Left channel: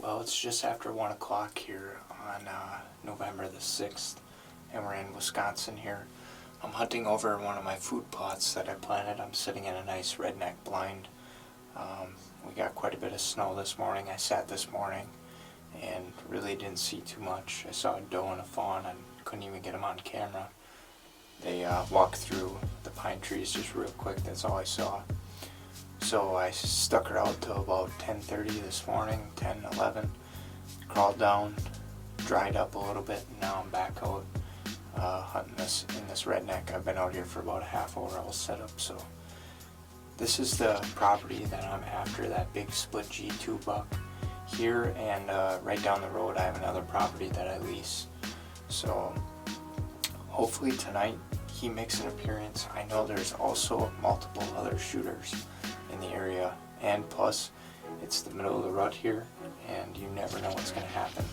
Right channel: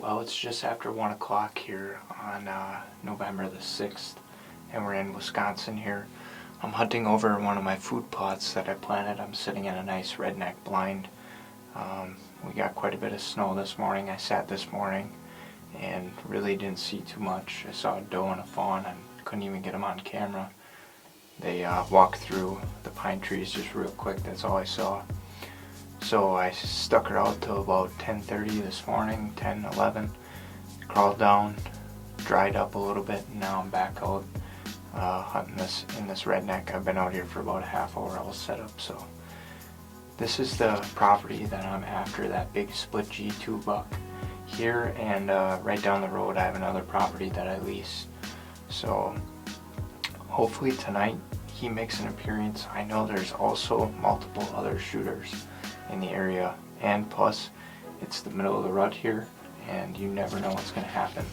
Well, it's just after 1 o'clock here on November the 6th, and we're in Wisconsin here. I'm hunting over one of my food plots that I planted. I'm sitting in a nice redneck blind. We got quite a bit of snow this morning. I sat this morning and really didn't see too much. I saw a doe and a fawn and couldn't even get them on camera. They walked through the pine trees just real quick. That's all I saw. So I stuck her out till about 10:30 this morning, 10, 11. Crawled down, dried up a little bit, and now I'm back out hunting this in this redneck. I've been out here for about a half hour. I was set up. So this is the property that I'm after, that big split G2 buck here, and right down the road I have another property that I lease. So hopefully tonight he makes an appearance. I know there's also multiple other shooters in the area, and plus it's the middle of the rut here and you never know what's going to happen.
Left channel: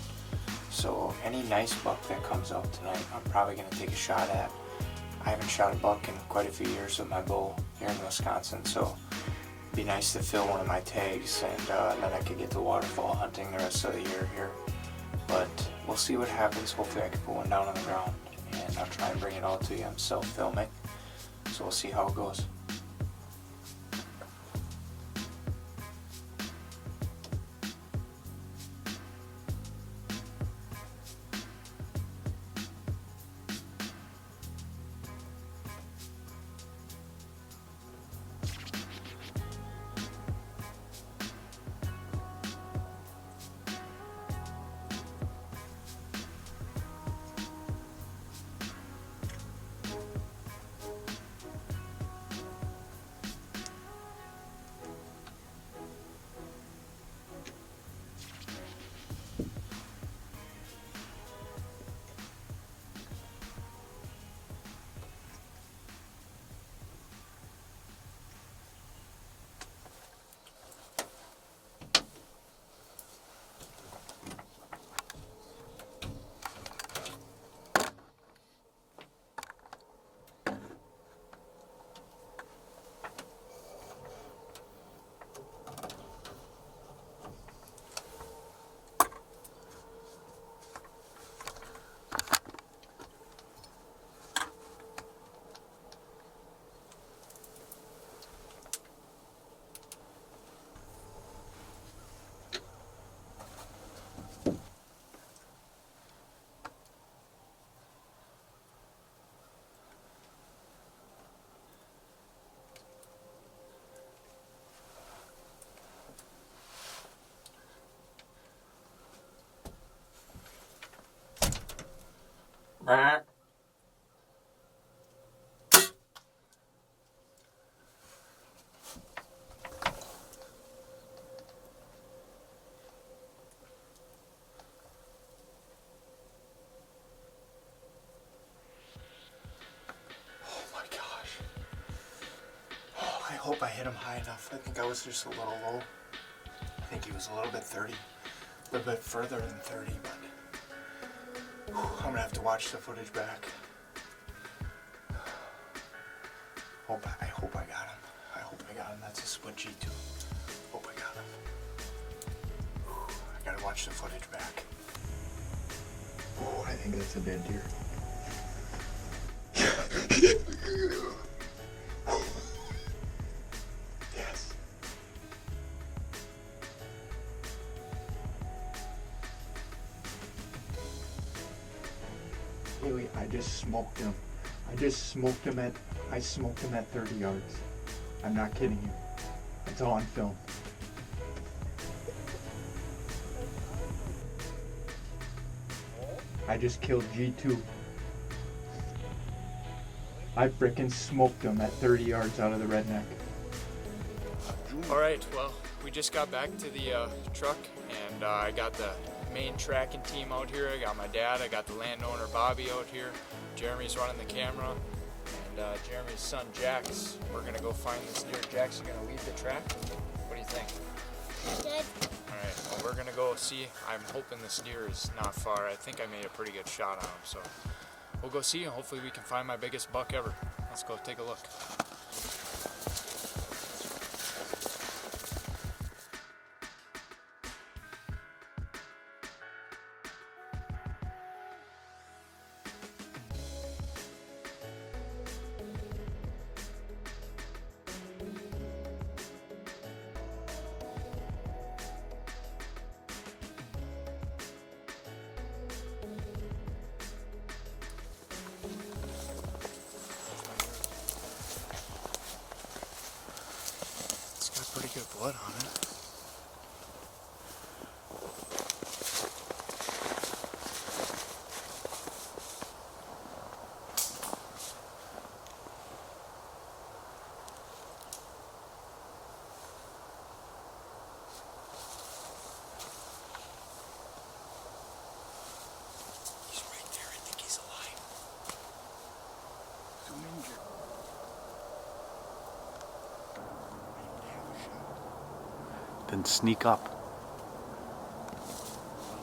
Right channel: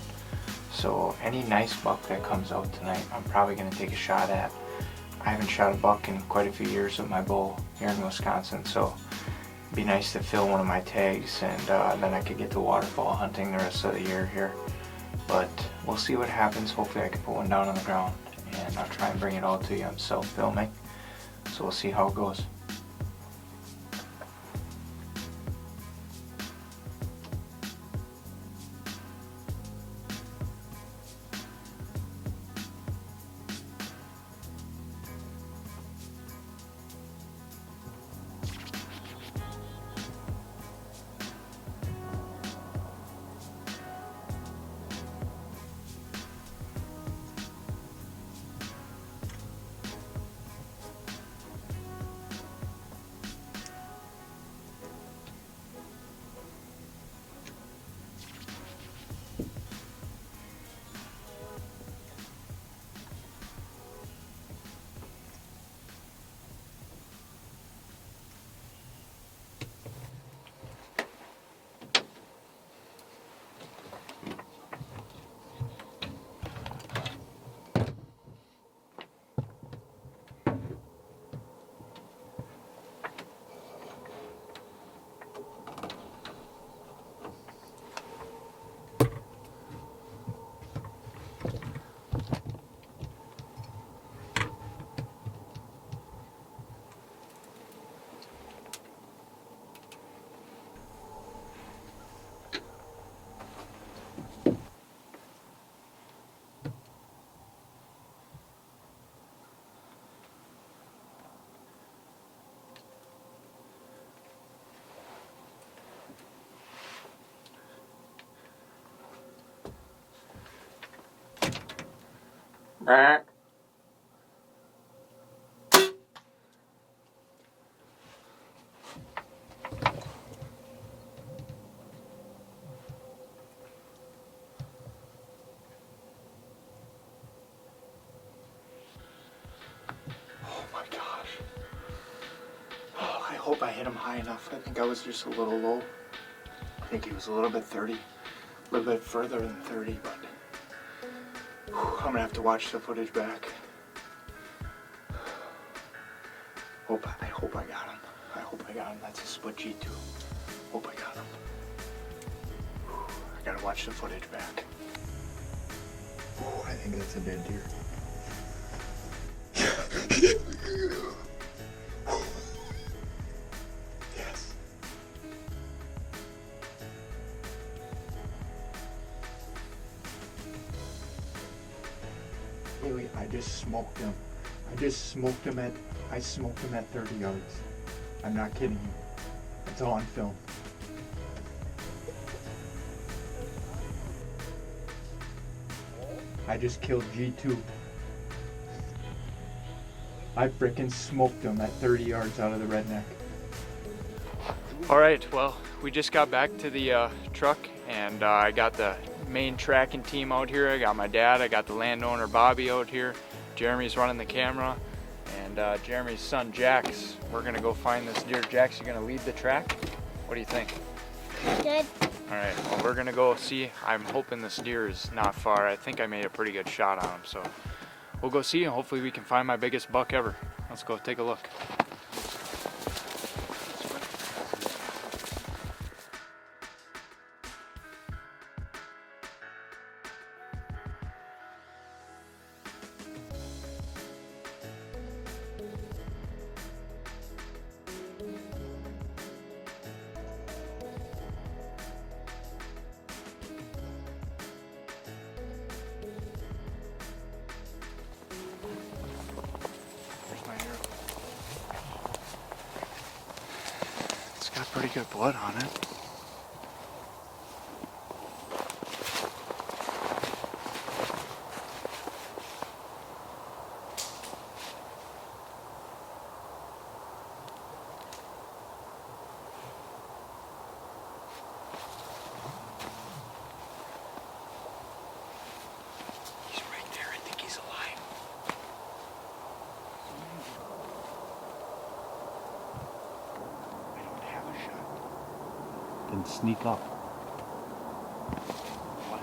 So any nice buck that comes out tonight I'm probably going to take a shot at. I haven't shot a buck in quite a few years with my bow here in Wisconsin, so it'd be nice to fill one of my tags, and then I could get to waterfall hunting the rest of the year here. But we'll see what happens. Hopefully I can put one down on the ground, and I'll try and bring it all to you. I'm self-filming, so we'll see how it goes. I hope I hit him high enough. I think I was just a little low. I think he was a little bit 30, a little bit further than 30, but I'm gonna have to watch the footage back. I hope I got him. I hope I got him. That's a split G2. Hope I got him. I gotta watch the footage back. I think that's a dead deer. Yes. Haley, I just smoked him. I smoked him at 30 yards. I'm not kidding you. It's all on film. I just killed G2. I frickin' smoked him at 30 yards out of the redneck. Alright, well, we just got back to the truck, and I got the main tracking team out here. I got my dad, I got the landowner Bobby out here. Jeremy's running the camera, and Jeremy's son Jax. We're gonna go find this deer. Jax, you gonna lead the track? What do you think? Good. Alright, well, we're gonna go see. I'm hoping this deer is not far. I think I made a pretty good shot on him, so we'll go see, and hopefully we can find my biggest buck ever. Let's go take a look. pretty good blood on it. He's right there. I think he's alive. I don't have a shot. Then sneak up. What?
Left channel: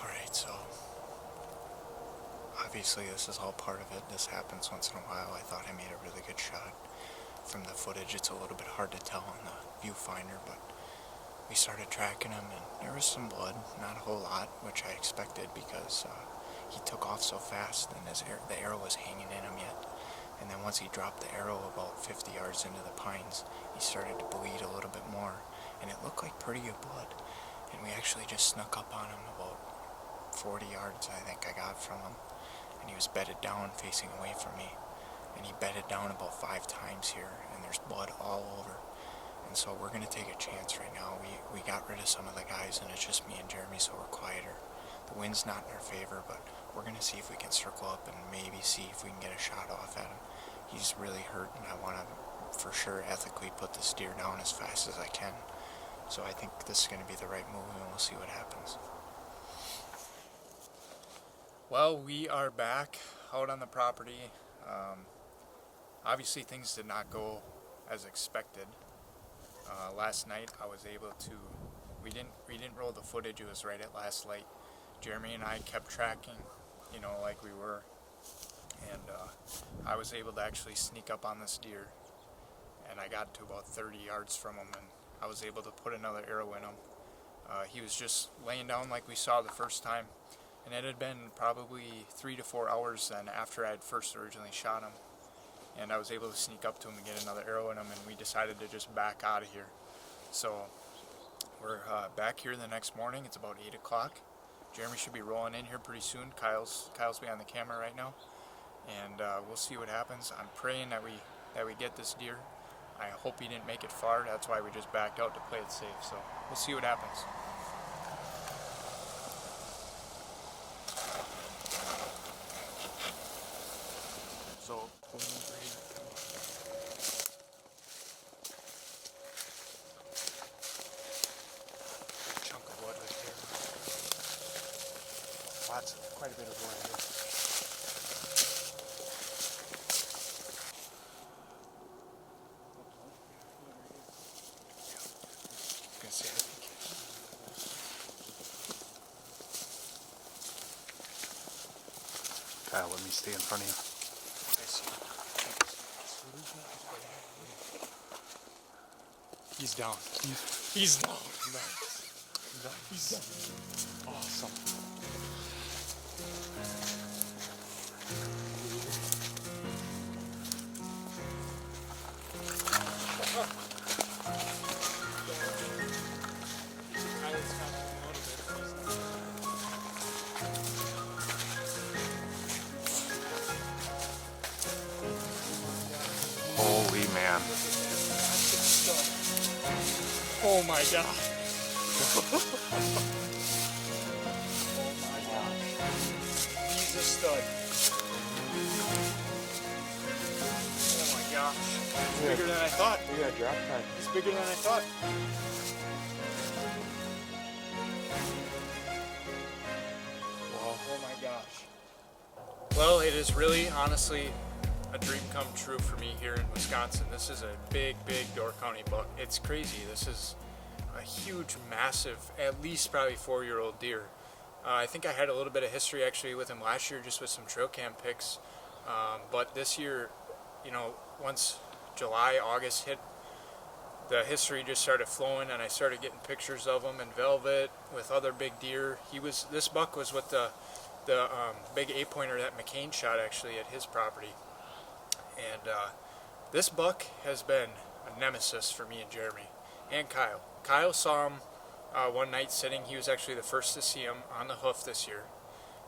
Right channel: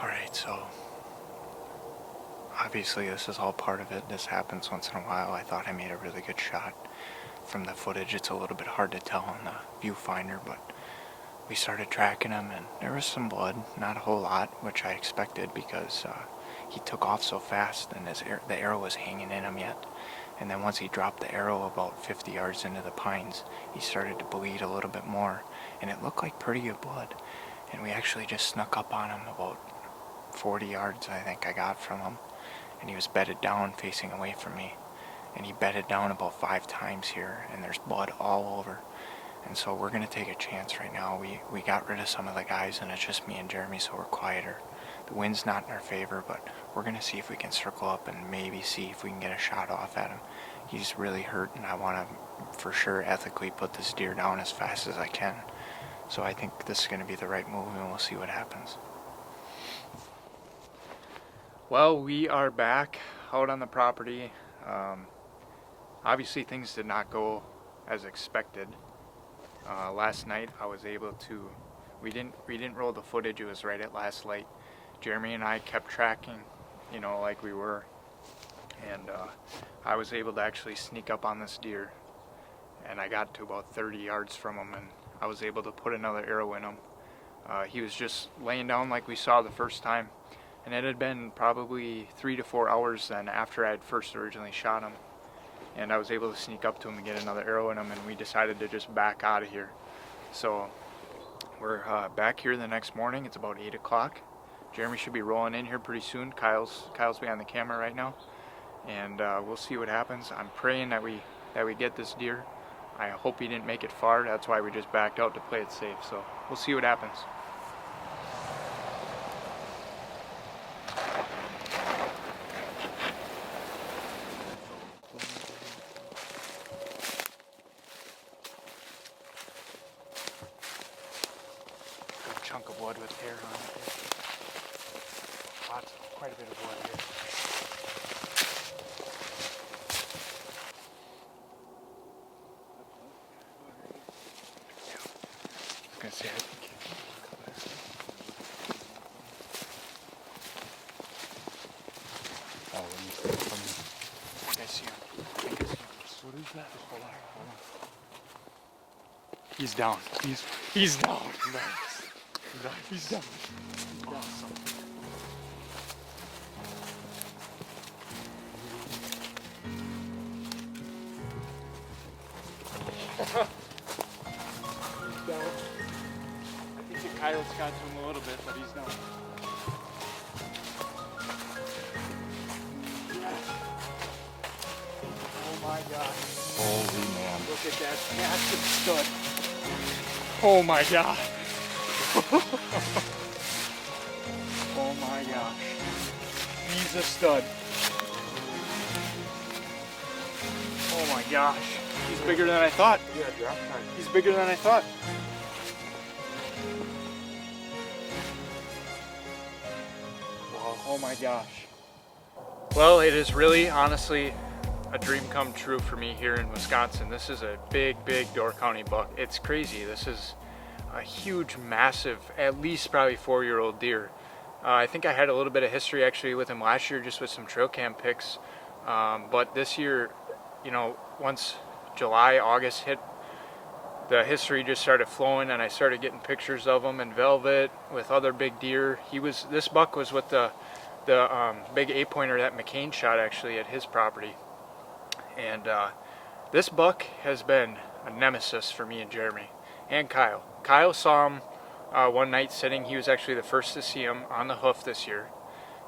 Alright, so obviously this is all part of it. This happens once in a while. I thought I made a really good shot. From the footage, it's a little bit hard to tell on the viewfinder, but we started tracking him and there was some blood, not a whole lot, which I expected because he took off so fast and the arrow was hanging in him yet. And then once he dropped the arrow about 50 yards into the pines, he started to bleed a little bit more, and it looked like pretty good blood. And we actually just snuck up on him about 40 yards, I think I got from him, and he was bedded down facing away from me. And he bedded down about 5 times here, and there's blood all over. And so we're going to take a chance right now. We got rid of some of the guys, and it's just me and Jeremy, so we're quieter. The wind's not in our favor, but we're going to see if we can circle up and maybe see if we can get a shot off at him. He's really hurt, and I want to, for sure, ethically put this deer down as fast as I can. So I think this is going to be the right move, and we'll see what happens. Well, we are back out on the property. Obviously, things did not go as expected. Last night, I was able to. We didn't roll the footage. It was right at last light. Jeremy and I kept tracking, like we were, and I was able to actually sneak up on this deer, and I got to about 30 yards from him, and I was able to put another arrow in him. He was just laying down like we saw the first time, and it had been probably 3 to 4 hours then after I had first originally shot him, and I was able to sneak up to him and get another arrow in him, and we decided to just back out of here. So we're back here the next morning. It's about 8 o'clock. Jeremy should be rolling in here pretty soon. Kyle's behind the camera right now, and we'll see what happens. I'm praying that we get this deer. I hope he didn't make it far. That's why we just backed out to play it safe. So we'll see what happens. Good chunk of wood with hair on it. Quite a bit of wood here. I was gonna say it. Let me stay in front of you. What did I see? What is that? He's down. He's down. Nice. He's down. Awesome. I think the coyotes got to him a little bit, but he's down. Oh my gosh. Holy man. Look at that massive stud. Oh my god. Oh my gosh. He's a stud. Oh my gosh. He's bigger than I thought. He's bigger than I thought. Whoa. Oh my gosh. Well, it is really, honestly, a dream come true for me here in Wisconsin. This is a big Door County buck. It's crazy. This is a huge, massive, at least probably 4-year-old deer. I think I had a little bit of history actually with him last year, just with some trail cam pics. But this year, once July, August hit, the history just started flowing, and I started getting pictures of him in velvet with other big deer. This buck was with the big 8-pointer that McCain shot actually at his property. And this buck has been a nemesis for me and Jeremy and Kyle. Kyle saw him one night sitting. He was actually the first to see him on the hoof this year.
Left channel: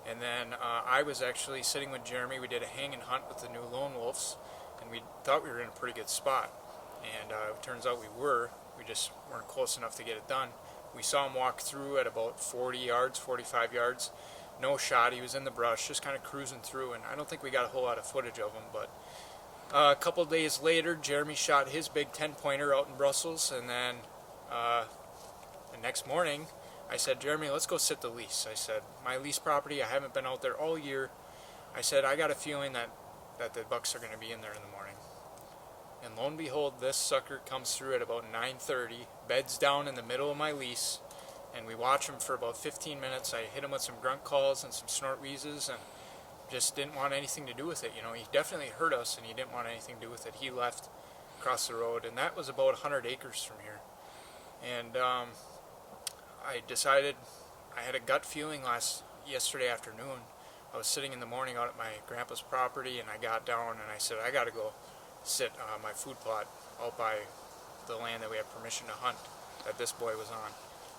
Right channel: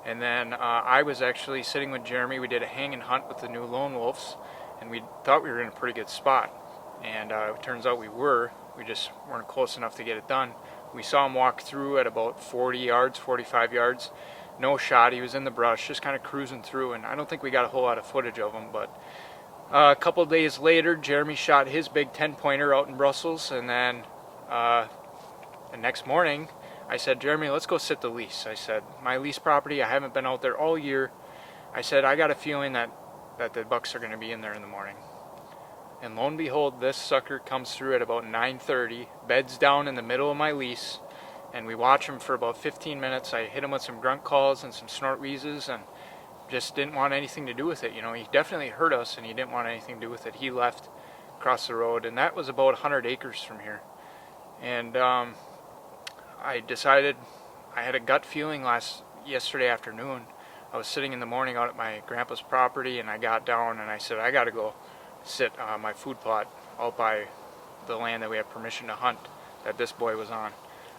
And then I was actually sitting with Jeremy. We did a hang and hunt with the new lone wolves. and we thought we were in a pretty good spot. And it turns out we just weren't close enough to get it done. We saw him walk through at about 40 yards, 45 yards. No shot, he was in the brush, just kind of cruising through, and I don't think we got a whole lot of footage of him, but a couple days later, Jeremy shot his big 10-pointer out in Brussels, and then the next morning, I said, Jeremy, let's go sit the lease. I said, my lease property, I haven't been out there all year. I said, I got a feeling that the bucks are going to be in there in the morning. And lo and behold, this sucker comes through at about 9:30, beds down in the middle of my lease, and we watch him for about 15 minutes. I hit him with some grunt calls and some snort wheezes, and just didn't want anything to do with it. You know, he definitely heard us, and he didn't want anything to do with it. He left across the road, and that was about 100 acres from here. And I decided, I had a gut feeling yesterday afternoon. I was sitting in the morning out at my grandpa's property, and I got down and I said, I got to go sit my food plot out by the land that we have permission to hunt that this boy was on.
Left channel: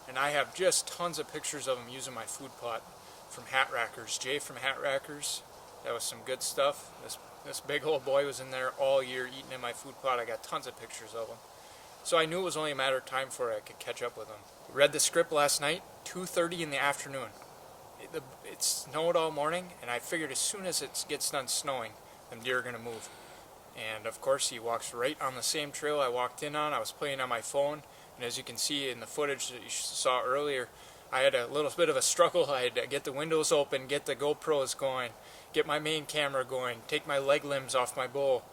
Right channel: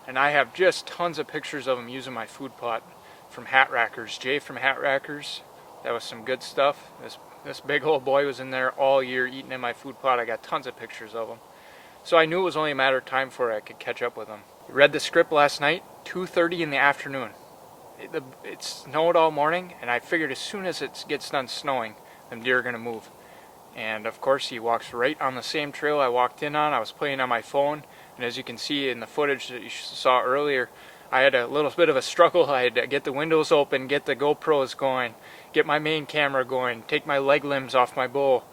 And I have just tons of pictures of him using my food plot from Hat Rackers. Jay from Hat Rackers, that was some good stuff. This big old boy was in there all year eating in my food plot. I got tons of pictures of him. So I knew it was only a matter of time before I could catch up with him. Read the script last night, 2:30 in the afternoon. It snowed all morning, and I figured as soon as it gets done snowing, them deer are going to move. And of course he walks right on the same trail I walked in on. I was playing on my phone, and as you can see in the footage that you saw earlier, I had a little bit of a struggle. I had to get the windows open, get the GoPros going, get my main camera going, take my leg limbs off my bow,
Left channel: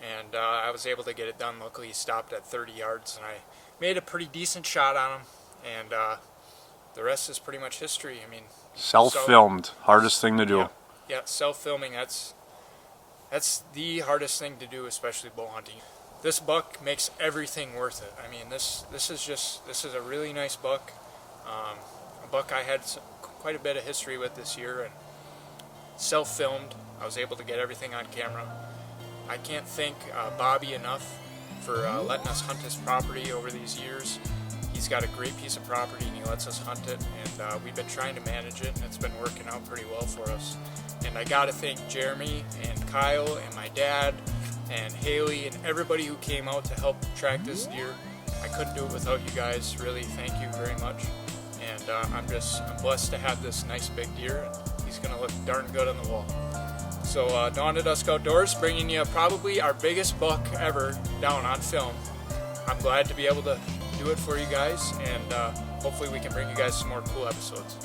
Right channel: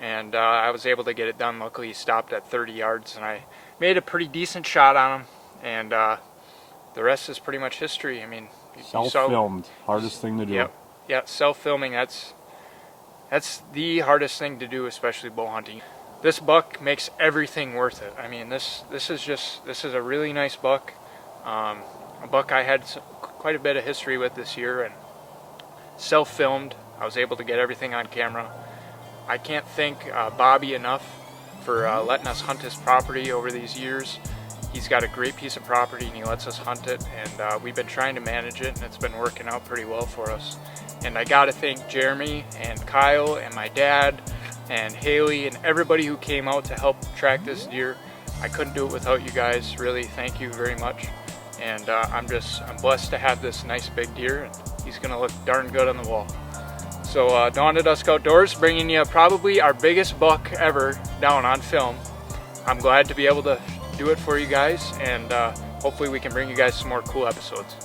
and I was able to get it done. Luckily he stopped at 30 yards, and I made a pretty decent shot on him, and the rest is pretty much history. I mean, self-filmed, hardest thing to do. Yeah, self-filming, that's the hardest thing to do, especially bow hunting. This buck makes everything worth it. I mean, this is a really nice buck. A buck I had quite a bit of history with this year, and self-filmed. I was able to get everything on camera. I can't thank Bobby enough for letting us hunt his property over these years. He's got a great piece of property, and he lets us hunt it, and we've been trying to manage it, and it's been working out pretty well for us. And I got to thank Jeremy and Kyle and my dad and Haley and everybody who came out to help track this deer. I couldn't do it without you guys. Really, thank you very much. And I'm blessed to have this nice big deer, and he's gonna look darn good on the wall. So Dawn to Dusk Outdoors, bringing you probably our biggest buck ever down on film. I'm glad to be able to do it for you guys, and hopefully we can bring you guys some more cool episodes.